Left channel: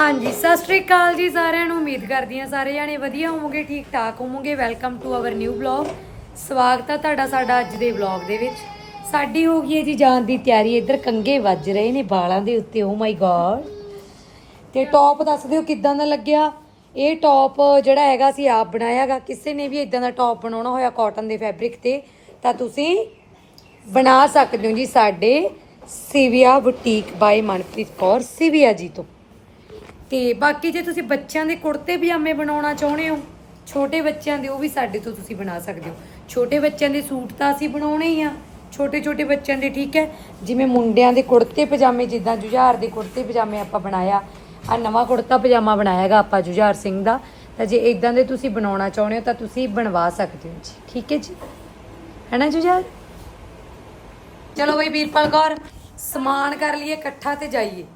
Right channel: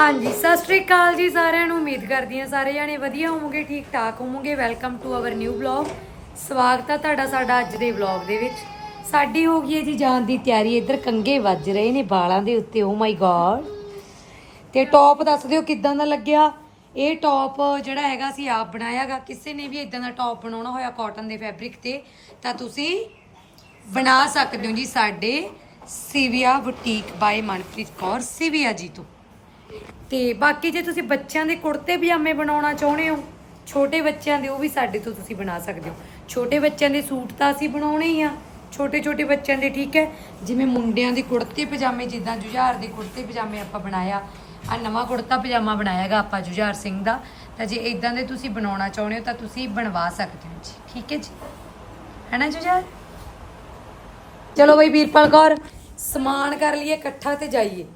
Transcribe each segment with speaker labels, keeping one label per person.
Speaker 1: ਹਾਂਜੀ, ਸਤਿ ਸ਼੍ਰੀ ਅਕਾਲ ਜੀ ਸਾਰਿਆਂ ਨੂੰ। ਉਮੀਦ ਕਰਦੀ ਹਾਂ ਸਾਰੇ ਜਾਣੇ ਵਧੀਆ ਹੋਵੋਗੇ, ਠੀਕ ਠਾਕ ਹੋਵੋਗੇ। Welcome to our new vlog ਸਵਾਗਤ ਹੈ ਤੁਹਾਡਾ ਸਾਡਾ ਅੱਜ ਦੇ ਵਲੌਗ ਦੇ ਵਿੱਚ। ਸਾਡੀ ਹੋ ਗਈ ਹੈ ਜੀ ਜਾਣ ਦੀ ਤਿਆਰੀ। ਇੱਧਰ ਕੰਗੇ ਵੱਜ ਰਹੇ ਨੇ ਬਾਲਾਂ ਦੇ ਉੱਤੇ। ਓ ਮਾਈ ਗॉड ਤੇ ਟੌਪ ਦੱਸ ਦਿਓ ਕਿੱਦਾਂ ਦਾ ਲੱਗਿਆ? ਇਹ ਟੌਪ ਜਿਹੜਾ ਹੈਗਾ ਸੀ, ਆਪ ਬਣਾਇਆਗਾ ਕਿਸੇ ਨੇ ਵੀ ਇਦਾਂ ਦਾ ਟੌਪ ਬਣਾਉਣਾ ਹੋਇਆ ਕਾਟਨ ਦੇ ਫੈਬਰਿਕ ਤੇ, ਤਾਂ ਤੁਸੀਂ ਬਣਾ ਸਕਦੇ ਹੋ ਜੀ ਸਾਡੇ ਸਿਵਿਆ ਬੁਟੀਕ ਬਾਈ ਮਨਪ੍ਰੀਤ ਕੌਰ। ਸਿਵਿਆ ਜੀ ਤੋਂ। ਤੇ ਬਾਕੀ ਜੇ ਤੁਸੀਂ ਬੱਚਿਆਂ ਦੇ ਕੁੜਤੇ ਪਜਾਮੇ ਬਣਾਉਣਾ ਚਾਹੁੰਦੇ ਹੋ, ਛੋਟੇ ਬੱਚਿਆਂ ਦੇ ਉਹ ਵੀ ਸਾਡੇ ਤੋਂ ਤੁਸੀਂ ਬਣਾ ਸਕਦੇ ਹੋ। ਛੋਟੇ ਬੱਚਿਆਂ ਦੇ ਸੂਟ ਤਾਂ ਅਸੀਂ ਬਣਾਉਣੇ ਹੀ ਆ। ਛੋਟੇ ਛੋਟੇ ਬੱਚਿਆਂ ਦੇ ਠੀਕ ਹੈ। ਜਿਵੇਂ ਮੁੰਡਿਆਂ ਦੇ ਕੁੜਤੇ ਪਜਾਮੇ, ਜਿੱਦਾਂ ਜੁਝਾਰ ਦੇ ਕੁੜਤੇ ਪਜਾਮੇ ਆਪਾਂ ਬਣਾਇਆ, ਆ ਨਵਾਂ ਕੁੜਤਾ ਪਜਾਮਾ ਬਣਾਇਆਗਾ ਆਪਾਂ ਜੁਝਾਰ ਸਿੰਘ ਦਾ। ਤਾਂ ਜੇ ਇਦਾਂ ਦੇ ਤੁਸੀਂ ਬਣਾਉਣਾ ਚਾਹੁੰਦੇ ਹੋ ਤਾਂ ਤੁਸੀਂ ਬਣਵਾ ਸਕਦੇ ਹੋ ਜੀ। ਠੀਕ ਹੈ ਜੀ? ਹੈਨਾ ਜੁਝਾਰ? ਚਲੋ ਬਈ ਵੀਰਪਾਲ ਕੌਰ, ਸਮਾਨ ਕਰ ਲਈਏ, ਇਕੱਠਾ ਤੇ ਜਾਈਏ।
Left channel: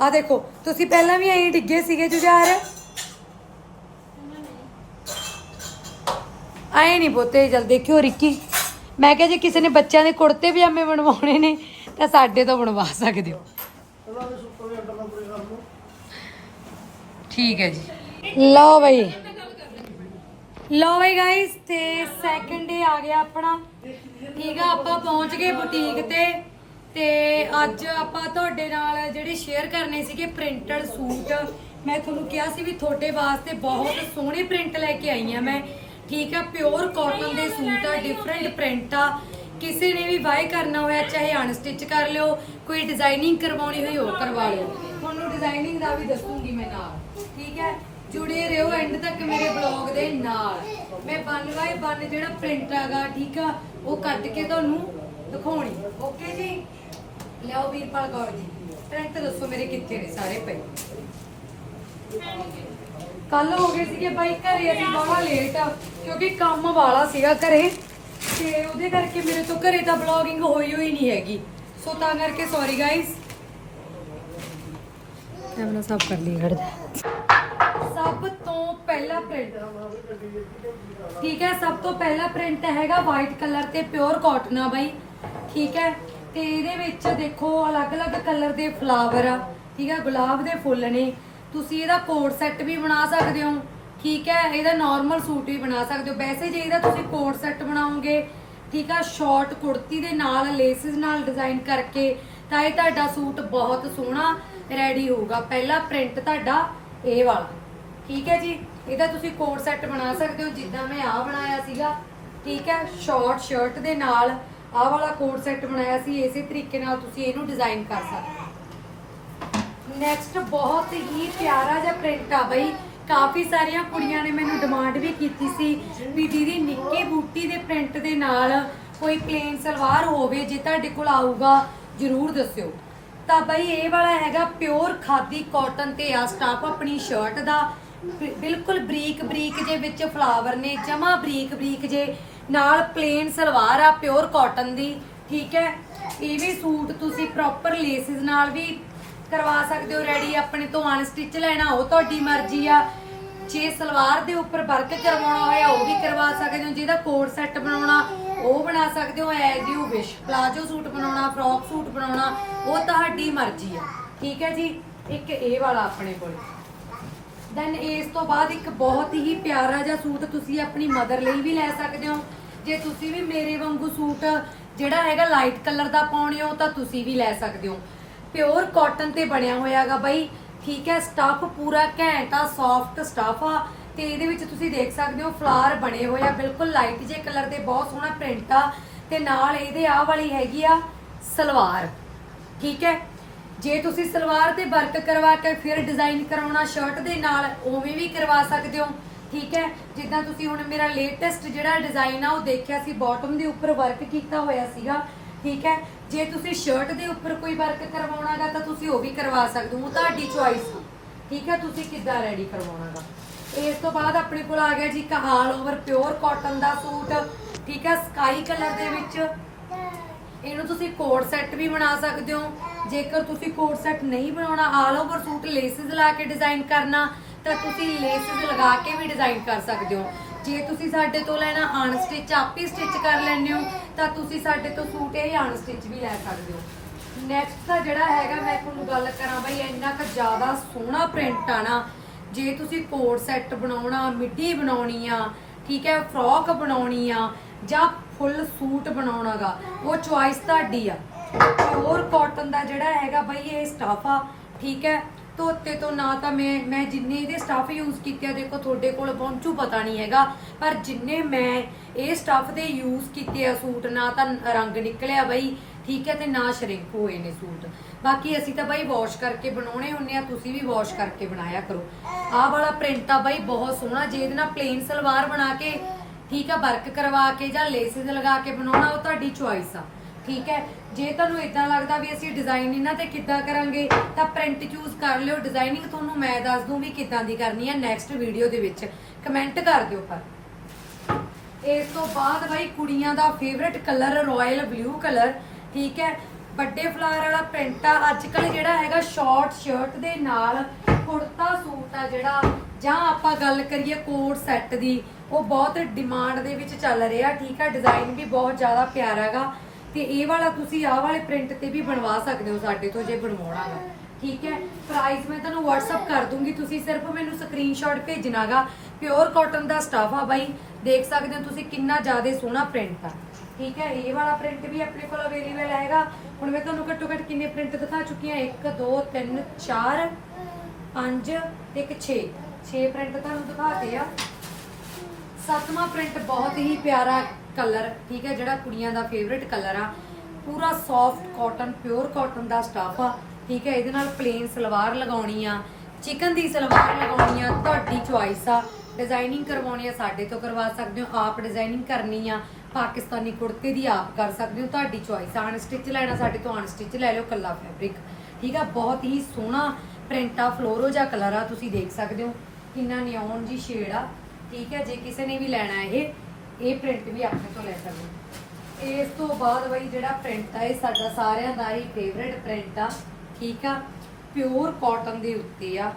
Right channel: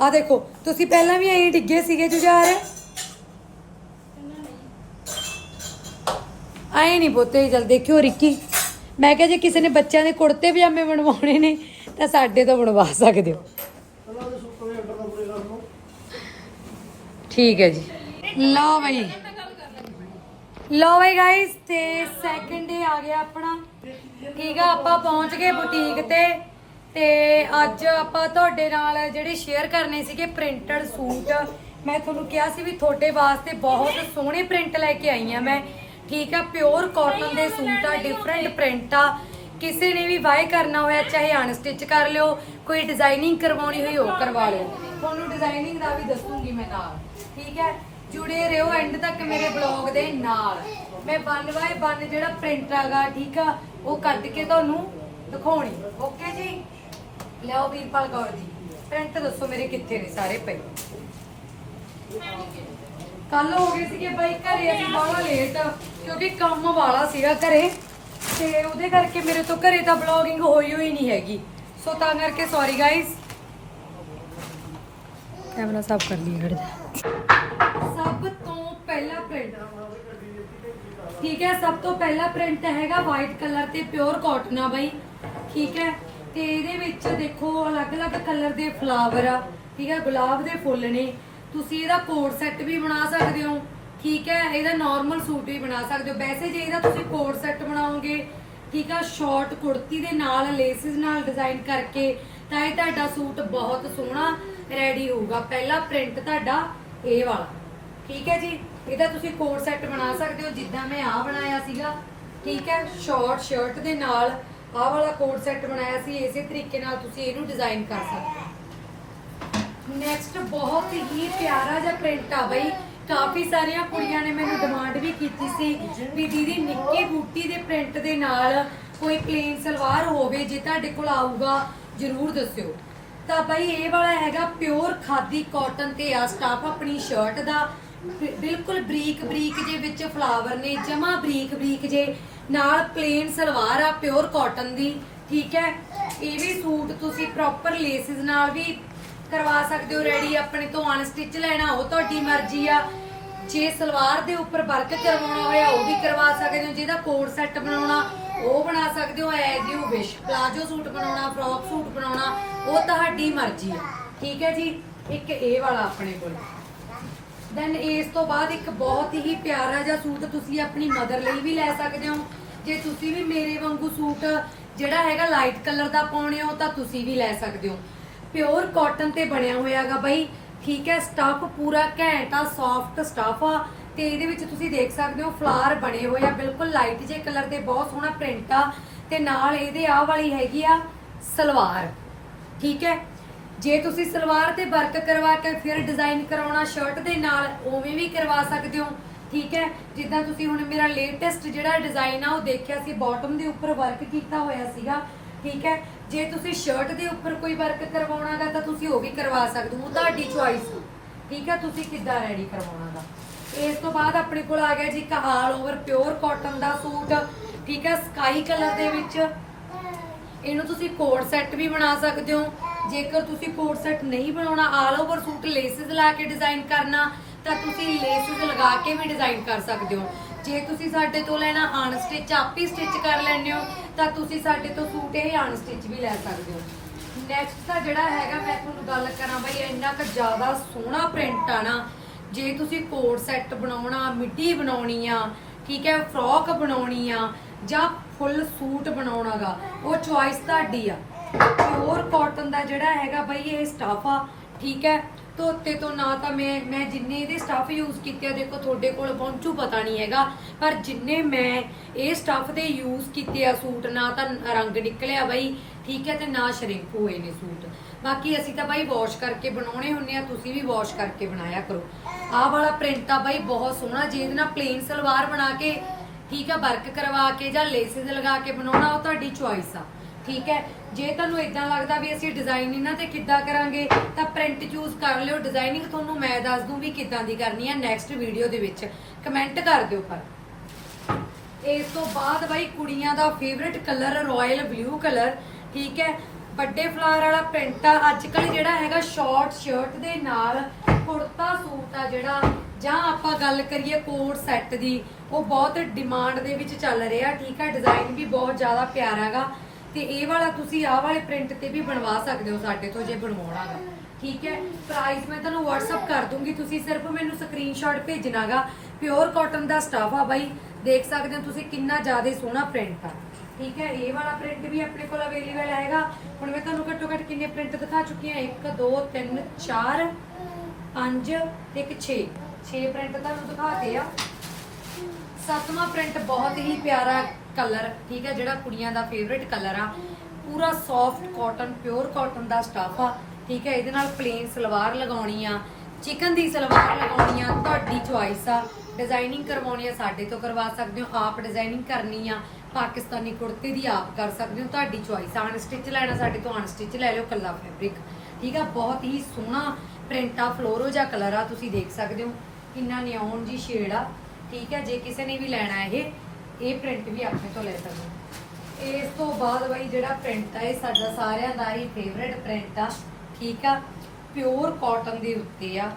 Speaker 1: ਆ ਦੇਖੋ, ਤੁਸੀਂ ਪਹਿਲਾਂ ਵੀ ਐਂ ਡਿੱਗੇ ਸੀਗੇ ਜੁਝਾਰ? ਆਏ ਨਹੀਂ ਬੋਤੇ ਜਲ ਦੇਖਿਓ ਰਿੱਕੀ। ਮੈਂ ਕਿਹਾ ਜੇ ਕਿਸੇ ਨੇ ਬੱਚਿਆਂ ਦੇ ਕੁੜਤੇ ਪਜਾਮੇ ਬਣਵਾਉਣੇ ਨੇ, ਤਾਂ ਸਾਡੇ ਤੋਂ ਬਣਵਾ ਸਕਦੇ ਹੋ। ਠੀਕ ਹੈ ਜੀ। ਲਓ ਬਈ। ਲਓ ਬਈ ਗਾਇਸ ਤੇ ਸੈਕਿੰਡ ਡੇ ਆ ਗਿਆ ਆਪਣਾ। ਠੀਕ ਆ, ਆਪਾਂ ਪਹੁੰਚ ਗਏ ਬੁਟੀਕ ਤੇ। ਤੇ ਅੱਜ ਆਪਾਂ ਤੁਹਾਡੇ ਨਾਲ ਜਿਹੜੇ ਸ਼ੇਅਰ ਕਰਨੇ ਸੀਗੇ ਪ੍ਰਿੰਟਡ ਸੂਟ ਮੈਂ ਤੁਹਾਨੂੰ ਕਿਹਾ ਸੀ ਵੀ ਤੁਹਾਡੇ ਵਾਸਤੇ ਬਹੁਤ ਸੋਹਣੇ ਪ੍ਰਿੰਟ ਲੈ ਕੇ ਆਈ ਆ ਮੈਂ। ਠੀਕ ਆ ਪਿਓਰ ਕਾਟਨ ਦੇ ਸੂਟ ਆ ਡਿਫਰੈਂਟ ਪ੍ਰਿੰਟ ਆ। ਕਿਸੇ ਨੇ ਵੀ ਬਾਏ ਕਰਨਾ ਹੋਇਆ, ਚਾਹੇ ਅਨਸਟਿਚ ਕਰ ਲਿਓ, ਕੋਈ ਡਿਜ਼ਾਈਨਿੰਗ ਕਰਵਾਉਣੀ ਹੋਈ ਉਹ ਕਰਵਾ ਲਿਓ। ਤੁਹਾਨੂੰ ਡਿਜ਼ਾਈਨਿੰਗ ਦਾ ਵੀ ਦੱਸੂਗੀ ਮੈਂ ਨਾਲ। ਠੀਕ ਹੈ ਜੁੜੇ ਰਹੋ ਐਂਡ ਤੱਕ ਮੇਰੇ ਬਲੌਗ ਦੇ ਨਾਲ। ਮੈਂ ਵਨ ਬਾਏ ਵਨ ਜਿਹੜਾ ਪ੍ਰਿੰਟ ਆਗਾ ਠੀਕ ਆ, ਉਹ ਕੱਢ ਕੇ ਤੁਹਾਨੂੰ ਦਿਖਾਉਣੀ। ਓਕੇ ਜੀ? ਲਿਆਓ ਵੀਰਪਾਲ ਕੌਰ ਜੀ। ਪ੍ਰਿੰਟ ਦੱਸੋ ਮੇਰੇ ਕਿੱਥੇ ਨੇ ਸਾਰੇ ਪਏ? ਕੱਲ ਹੋ ਗਏ ਸੀਗੇ ਬਾਈ ਘਰੇ, ਅਸੀਂ ਬਾਹਲਾ ਲੇਟ ਆ, ਕਿਉਂਕਿ ਕੰਮ ਵਾਲਾ ਸੀਗਾ ਘਰੇ, ਤੇ ਉਹਦੇ ਕਰਕੇ ਮੇਰੇ ਤੋਂ ਘਰੇ ਤਾਂ ਬਲੌਗਿੰਗ ਹੋਈ ਹੋਈ ਨਹੀਂ ਹੈਗੀ। ਸੋ ਤਾਂ ਕਰਕੇ ਸੌਰੀ ਗਾਇਸ ਕੈਮਰਾ ਸਾਫ਼ ਕਰ ਲਈ ਖੜ ਸਭ ਤੋਂ ਪਹਿਲਾ ਪ੍ਰਿੰਟ ਠੀਕ ਹੈ, ਸਭ ਤੋਂ ਪਹਿਲਾ ਪ੍ਰਿੰਟ ਹੈਗਾ ਵਾਈਟ ਕਲਰ ਤੇ ਪਿਓਰ ਕਾਟਨ ਆ ਬਾਈ। ਠੀਕ ਹੈ ਤੇ ਇਹਦੇ ਵਿੱਚ ਦੇਖੋ ਅਲੱਗ-ਅਲੱਗ ਕਲਰ ਦੇ ਫਲਾਵਰ ਆ, ਠੀਕ ਹੈ ਗੁਲਾਬ ਦੇ ਫੁੱਲ ਨੇ। ਤੁਸੀਂ ਇਹਦਾ ਕੋਟ ਸੈੱਟ ਵੀ ਬਣਾ ਸਕਦੇ ਹੋ, ਠੀਕ ਹੈ ਇਹਦਾ ਨਾਰਮਲ ਸੂਟ ਵੀ ਬਣਾ ਸਕਦੇ ਹੋ। ਵੈਸੇ ਜੇ ਇਹਦਾ ਤੁਸੀਂ ਕੋਟ ਸੈੱਟ ਬਣਾਓਗੇ, ਠੀਕ ਆ? ਸ਼ਾਰਟ ਕੁੜਤੀ ਦੇ ਨਾਲ ਲੇਸਿਸ ਨਾਲ ਡਿਜ਼ਾਈਨ ਕਰਕੇ, ਤਾਂ ਇਹ ਤੁਹਾਡਾ ਸੂਟ ਬਹੁਤ ਸੋਹਣਾ ਰੈਡੀ ਹੋਊਗਾ। ਪਹਿਲਾ ਪ੍ਰਿੰਟ ਤੁਹਾਡਾ ਇਹ ਵਾਲਾ, ਠੀਕ ਹੈ ਜੀ? ਇਹਦਾ ਤੁਸੀਂ ਕੋਟ ਸੈੱਟ ਬਣਾ ਸਕਦੇ ਹੋ, ਜਿੱਦਾਂ ਮੈਂ ਆਹ ਬਣਾਇਆ ਸੀਗਾ, ਠੀਕ ਹੈ ਸ਼ਾਰਟ ਸ਼ਰਟ ਦੇ ਨਾਲ ਆਹ ਵਾਲਾ ਕੋਟ ਸੈੱਟ ਬਣਾਇਆ ਸੀ, ਇਸੇ ਤਰੀਕੇ ਨਾਲ ਤੁਸੀਂ ਇਹਨੂੰ ਡਿਜ਼ਾਈਨ ਕਰ ਸਕਦੇ ਨੈਕਸਟ ਬਹੁਤ ਹੀ ਪਿਆਰਾ ਜਿਹਾ ਪ੍ਰਿੰਟ ਆ ਬਈ। ਕਾਫੀ ਸਾਰੀਆਂ ਕੁੜੀਆਂ ਨੇ ਮੈਨੂੰ ਡਿਮਾਂਡ ਵੀ ਕੀਤੀ ਸੀ ਵੀ ਦੀਦੀ ਨਿੱਕੇ ਬੂਟੀ ਦੇ ਪ੍ਰਿੰਟ ਦੇ ਨਾਲ ਕੋਈ ਪਲੇਨ ਸਲਵਾਰ ਹੋਵੇ, ਜੇ ਤੁਹਾਡੇ ਕੋਲ ਆਊਗਾ, ਜਰੂਰ ਦੱਸਿਓ। ਤਾਂ ਬਈ ਇਹ ਵਾਲਾ ਹੈਗਾ ਪਿਓਰ ਖਾਦੀ ਕਾਟਨ ਤੇ ਆ ਸਟਾਫ ਆਪਣੀ ਸ਼ਰਟ ਦਾ। ਬਿ- ਬਿਲਕੁਲ ਬਰੀਕ ਬਰੀਕ ਜੇ ਵਿੱਚ ਫਲਾਵਰ ਨੇ, ਜਮਾ ਬਰੀਕ ਬਰੀਕ ਜੇ, ਨਾਲ ਪਲੇਨ ਸਲਵਾਰ ਆ ਪਿਓਰ ਕਾਟਨ ਦੀ, ਠੀਕ ਹੈ? ਇਹ ਵੀ ਸੂਟ ਤੁਸੀਂ ਪ੍ਰੋਪਰ ਲੇਸਿਸ ਨਾਲ ਵੀ ਕਰਵਾ ਸਕਦੇ ਹੋ ਰੈਡੀ ਆਪਣੇ ਤੋਂ ਅਨਸਟਿਚ ਲੈਣਾ, ਉਹ ਤੁਹਾਡੀ ਮਰਜ਼ੀ ਆ। ਜੇ ਸਲਵਾਰ ਦੇ ਉੱਪਰ ਵਰਕ ਕਰਵਾਉਣਾ ਹੋਇਆ, ਉਹ ਵੀ ਕਰਵਾ ਸਕਦੇ ਹੋ, ਜਿਹਦਾ ਕੋਡ ਸੈੱਟ ਬਣਾਉਣਾ, ਉਹ ਬਣਾ ਸਕਦੇ ਹੋ as you wish palazzo suit ਬਣਾਉਣਾ ਫਰੋਕ ਸੂਟ ਬਣਾਉਣਾ, ਉਹ ਤੁਹਾਡੀ ਮਰਜ਼ੀ ਆ। ਠੀਕ ਹੈ ਜੀ? ਇੱਕ ਇਹ ਵਾਲਾ ਆਪਣੇ ਕੋਲ। ਦੈਨ ਇਸ ਤੋਂ ਬਾਅਦ ਇੱਕ ਬਹੁਤ ਹੀ ਪਿਆਰਾ ਜਿਹਾ ਸੂਟ ਤੁਸੀਂ ਆਪਣੀ ਮਦਰ ਲਈ ਵੀ ਲੈ ਸਕਦੇ ਹੋ। ਜੇ ਤੁਸੀਂ ਵੀ ਮੇਰੇ ਵਾਂਗੂ ਸੂਟ ਜਿਹੜਾ ਹੈਗਾ ਲਾਈਟ ਕਲਰ ਦਾ ਪਾਉਣੇ ਹੋ ਤਾਂ ਤੁਸੀਂ ਵੀ ਲੈ ਸਕਦੇ ਹੋ। ਪਿਓਰ ਕਾਟਨ ਤੇ ਬਣਿਆ ਹੋਇਆਗਾ ਬਈ। ਠੀਕ ਹੈ ਸਟਫ ਪੂਰਾ ਘੈਂਟ ਆ ਸੌਫਟ ਸਟਫ ਆ। ਤੇ ਇਹਦੇ ਵਿੱਚ ਤੁਸੀਂ ਦੇਖ ਸਕਦੇ ਹੋ ਫਲਾਰ ਬਣੇ ਹੋਏ ਆ। ਬਿਲਕੁਲ ਲਾਈਟ ਜੇ ਕਲਰ ਦੇ, ਬਹੁਤ ਸੋਹਣਾ ਪ੍ਰਿੰਟ ਆ। ਤੇ ਨਾਲ ਇਹਦੇ ਆਹ ਵਾਲੀ ਹੈਗੀ ਆ ਸਲਵਾਰ। ਠੀਕ ਹੈ ਜੇ ਤੁਸੀਂ ਸਲਵਾਰ ਤੇ ਵਰਕ ਕਰਵਾ ਕੇ ਫਿਰ ਡਿਜ਼ਾਈਨ ਕਰਵਾਉਣਾ ਸ਼ਰਟ ਦੇ ਨਾਲ, ਉਵੇਂ ਵੀ ਕਰਵਾ ਸਕਦੇ ਹੋ। ਠੀਕ ਹੈ? ਜਿੱਦਾਂ ਤੁਸੀਂ ਹੁਣ ਮੇਰਾ ਲੇਟੈਸਟ ਜਿਹੜਾ ਡਿਜ਼ਾਈਨ ਆ, ਉਹ ਦੇਖਿਆ ਸੀ ਬਾਟਮ ਦੇ ਉੱਪਰ ਵਰਕ ਕੀਤਾ ਹੋਇਆ ਸੀਗਾ। ਠੀਕ ਹੈ? ਜੇ ਤੁਸੀਂ ਸ਼ਰਟ ਦੇ ਉੱਪਰ ਕੋਈ ਵਰਕ ਕਰਵਾਉਣਾਗਾ, ਤਾਂ ਤੁਸੀਂ ਉਹ ਵੀ ਕਰਵਾ ਸਕਦੇ ਹੋ। ਤੁਹਾਡੀ ਚੁਆਇਸ ਠੀਕ ਹੈ? ਤੁਸੀਂ ਕਿੱਦਾਂ ਰੈਡੀ ਕਰਵਾਉਣਾਗਾ? ਇਸ ਤੋਂ ਬਾਅਦ ਆਪਣੇ ਕੋਲ ਆ ਗਿਆ ਜੀ ਇੱਕ ਓਵਰ ਪਿਓਰ ਕਾਟਨ ਦਾ ਸੂਟ। ਠੀਕ ਹੈ? ਸਕਾਈ ਕਲਰ ਦੇ ਵਿੱਚ। ਇਹਨੂੰ ਤੁਸੀਂ ਕੋਡ ਸੈੱਟ ਵੀ ਬਣਾ ਸਕਦੇ ਹੋ। ਜੇਕਰ ਤੁਸੀਂ ਕੋਟ ਸੈੱਟ ਨਹੀਂ ਬਣਾਉਣਾ, ਆਲ ਓਵਰ ਸੂਟ ਲੇਸਿਸ ਲਾ ਕੇ ਡਿਜ਼ਾਈਨ ਕਰਨਾ, ਤਾਂ ਤੁਸੀਂ ਲੇਸਿਸ ਲਗਾ ਕੇ ਵੀ ਡਿਜ਼ਾਈਨ ਕਰ ਸਕਦੇ ਹੋ। ਜੇ ਤੁਸੀਂ ਸਾਡੇ ਤੋਂ ਲੈਣਾ ਅਨਸਟਿਚ ਆਪੀ ਸਟਿਚ ਕਰ ਲੈਣੇ ਹੋ, ਤਾਂ ਤੁਸੀਂ ਸਾਡੇ ਤੋਂ ਸੂਟ ਇਹ ਅਨਸਟਿਚ ਵੀ ਲੈ ਸਕਦੇ ਹੋ। ਨੈਕਸਟ ਦਾ ਜਿਹੜਾ ਹੈਗਾ, ਮੈਂ ਤੁਹਾਨੂੰ ਗੱਲ ਕਰਾਂ ਬਈ, ਇੰਨਾ ਕੁ ਜ਼ਿਆਦਾ ਸੋਹਣਾ ਪ੍ਰਿੰਟ ਆ ਨਾ, ਜੇ ਤੁਸੀਂ ਕੋਟ ਸੈੱਟ ਬਣਾਉਣਾ ਮਿੱਡੀ ਬਣਾਉਣੀ ਆ, ਠੀਕ ਹੈ, ਫਰੋਕ ਬਣਾਉਣੀ ਆ, ਜਾਂ ਫੁੱਲ ਸੂਟ ਬਣਾਉਣਾਗਾ ਉਹ ਚੁਆਇਸ ਤੁਹਾਡੀ ਆ। ਪਿਓਰ ਕਾਟਨ ਦਾ ਜਿਹੜਾ ਹੈਗਾ ਬਈ ਇਹ ਸਟਾਫ ਆ, ਠੀਕ ਹੈ? ਧੋਤੇ ਤੋਂ ਨਾ ਤਾਂ ਮੈਂ ਮੈਂ ਜਿੰਨੇ ਇਹਦੇ ਸਟਾਫ ਯੂਜ਼ ਕੀਤੇ ਦੇਖੋ ਤੁਹਾਡੇ ਕੋਲ ਪਹੁੰਚੂ ਪਤਾ ਨਹੀਂ ਹੈਗਾ, ਪਰ ਜਿੰਨੇ ਮੈਂ ਇਹ ਸਟਫ਼ ਦੇ ਯੂਜ਼ ਕੀਤੇ ਆ ਸੂਟ, ਨਾ ਤਾਂ ਰੰਗ ਨਿਕਲਿਆ ਬਈ, ਠੀਕ ਹੈ, ਤੇ ਨਾ ਸ਼ਰਿੰਕ ਹੋਏ ਨੇ ਸੂਟ। ਬਾਕੀ ਅਸੀਂ ਤਾਂ ਬਾਈ ਵਾਸ਼ ਕਰਕੇ ਬਣਾਉਣੇ ਹੁੰਨੇ ਆ, ਤੁਸੀਂ ਵੀ ਵਾਸ਼ ਕਰਕੇ ਬਣਾਇਆ ਕਰੋ। ਆਹ ਵਾਲਾ ਪ੍ਰਿੰਟ ਆ ਬਾਈ ਬਹੁਤ ਸੋਹਣਾ, ਜੇ ਇਹਦੇ ਨਾਲ ਪਲੇਨ ਸਲਵਾਰ ਬਣਾ ਕੇ, ਠੀਕ ਆ ਵਰਕ ਕਰਵਾ ਕੇ ਜਾਂ ਲੇਸਿਸ ਲਗਾ ਕੇ ਬਣਾਉਣਾ, ਉਹ ਤੁਹਾਡੀ ਚੁਆਇਸ ਆ। ਠੀਕ ਹੈ? ਜੇ ਤੁਹਾਨੂੰ ਇਦਾਂ ਲੱਗਦਾ ਵੀ ਅਸੀਂ ਡਿਜ਼ਾਈਨ ਇਹਨਾਂ ਤੇ ਕਿੱਦਾਂ ਕਰਾਂਗੇ, ਤਾਂ ਪ੍ਰਿੰਟ ਚੂਜ਼ ਕਰ ਲਿਓ। ਡਿਜ਼ਾਈਨਿੰਗ ਤੁਹਾਨੂੰ ਮੈਂ ਦੱਸ ਦੂੰ ਵੀ ਕਿੱਦਾਂ ਦੀ ਕਰਨੀ ਆ ਨੈਕਸਟ ਵੀਡੀਓ ਦੇ ਵਿੱਚ। ਕਮੈਂਟ ਕਰ ਦਿਓ ਪਰ। ਇਸ ਤੋਂ ਬਾਅਦ ਬਾਈ ਕੁੜੀਆਂ ਦਾ favourite colour royal blue colour ਠੀਕ ਹੈ? ਵੱਡੇ ਫਲਾਰ ਵਾਲਾ ਪ੍ਰਿੰਟ ਆ। ਅੱਜ ਕੱਲ ਜਿਹੜਾ ਹੈਗਾ ਸ਼ਾਰਟ ਸ਼ਰਟ ਦੇ ਨਾਲ ਕੁੜਤਾ ਸੂਟ ਆ ਜਿਹੜਾ, ਜਾਂ ਆਪਾਂ ਗੱਲ ਕਰੀਏ ਕੋਟ ਸੈੱਟ ਦੀ, ਉਹ ਬਹੁਤ ਡਿਮਾਂਡ ਦੇ ਵਿੱਚ ਚੱਲ ਰਿਹਾ, ਠੀਕ ਆ ਡਿਜ਼ਾਈਨ ਵੀ ਬਹੁਤ ਜ਼ਿਆਦਾ ਪਿਆਰਾ ਹੈਗਾ। ਤੇ ਇਹ ਵਾਲਾ ਤੁਸੀਂ ਆਹ ਵਾਲੇ ਪ੍ਰਿੰਟ ਤੇ ਵੀ ਬਣਵਾ ਸਕਦੇ ਹੋ ਸਾਡੇ ਤੋਂ ਜੇ ਬਣਵਾਉਣਾਗਾ। ਠੀਕ ਹੈ? ਪ੍ਰਾਈਸ ਮੈਂ ਤੁਹਾਨੂੰ WhatsApp ਕਰ ਦੂੰਗੀ। ਤੁਸੀਂ ਸਿਰਫ ਮੈਨੂੰ ਸਕਰੀਨਸ਼ਾਟ ਭੇਜਣਾਗਾ। ਪਿਓਰ ਕਾਟਨ ਦਾ ਸਟਾਫ ਆ ਬਾਈ। ਦੇਖ ਸਕਦੇ ਹੋ ਤੁਸੀਂ ਕਿੰਨਾ ਜ਼ਿਆਦਾ ਸੋਹਣਾ ਪ੍ਰਿੰਟ ਆ। ਠੀਕ ਹੈ? ਇਹ ਵਾਲਾ ਪ੍ਰਿੰਟ ਵੀ ਆਪਣੇ ਕੋਲ ਅਵੇਲੇਬਲ ਹੈਗਾ। ਹੁਣ ਮੈਂ ਤੁਹਾਨੂੰ ਘੱਟੋ ਘੱਟ ਕਿੰਨੇ ਪ੍ਰਿੰਟ ਦਿਖਾ ਚੁੱਕੀ ਹਾਂ? 1 2 3 4 5 ਤੇ ਇੱਕ 6 6 ਪ੍ਰਿੰਟ ਤੁਹਾਨੂੰ ਦਿਖਾਤੇ ਆ। ਸੱਤਵਾਂ ਪ੍ਰਿੰਟ ਬਹੁਤ ਹੀ ਪਿਆਰਾ ਕਲਰ, ਠੀਕ ਹੈ, ਜਿਹੜਾ ਕੁੜੀਆਂ ਦਾ ਫੇਵਰਿਟ ਕਲਰ ਆ। ਪੂਰਾ ਸੌਫਟ ਕਾਟਨ ਪਿਓਰ ਕਾਟਨ ਦਾ ਸਟਾਫ ਆ, ਠੀਕ ਹੈ, ਇਹਦੇ ਨਾਲ ਪਲੇਨ ਸਲਵਾਰ ਲਗਾਉਣੀ ਆ। ਚਿਕਨ ਦੀ ਸਲਵਾਰ ਲਗਾਉਣੀ ਆ, ਤੁਹਾਡੀ ਚੁਆਇਸ ਆ। ਡਿਜ਼ਾਈਨਿੰਗ ਕਰਵਾਉਣੀ ਆ, ਸਾਡੇ ਤੋਂ ਕਰਵਾ ਸਕਦੇ ਹੋ। ਆਪ ਡਿਜ਼ਾਈਨਿੰਗ ਕਰਨੀ ਆ, ਪਾਕਿਸਤਾਨੀ ਕੁੜਤੇ ਦੀ ਆਪ ਕਰ ਸਕਦੇ ਹੋ। ਤੁਹਾਡੀ ਚੁਆਇਸ ਆ। ਅਨਸਟਿਚ ਲੈਣਾ ਸਾਡੇ ਤੋਂ ਅਨਸਟਿਚ ਲੈ ਲਿਓ ਕੱਲਾ ਫੈਬਰਿਕ ਠੀਕ ਆ, ਬਹੁਤ ਹੀ ਸੋਹਣਾ ਪ੍ਰਿੰਟ ਆ ਫਲੋਰੋ ਜਾਂ ਕਲਰ ਆ, ਤੁਸੀਂ ਦੇਖ ਸਕਦੇ ਹੋ। ਕਿੰਨਾ ਨਿਓਨ ਜੀ ਸ਼ੇਡ ਆ। ਠੀਕ ਹੈ, ਜੇ ਕਿਸੇ ਨੇ ਵੀ ਲੈਣਾ ਇਹ ਇਹ ਪ੍ਰਿੰਟ ਵੀ ਆਪਣੇ ਤੋਂ ਲੈ ਸਕਦੇ ਹੋ। ਇਸ ਤੋਂ ਬਾਅਦ ਬਈ ਜਿਹੜਾ ਪ੍ਰਿੰਟ ਆ, ਇਹ ਸਾਡਾ ਸਾਰਿਆਂ ਦਾ ਹੀ ਫੇਵਰਿਟ ਪ੍ਰਿੰਟ ਆ, ਠੀਕ ਆ? ਪਿਓਰ ਕਾਟਨ ਦੇ ਉੱਤੇ ਆ,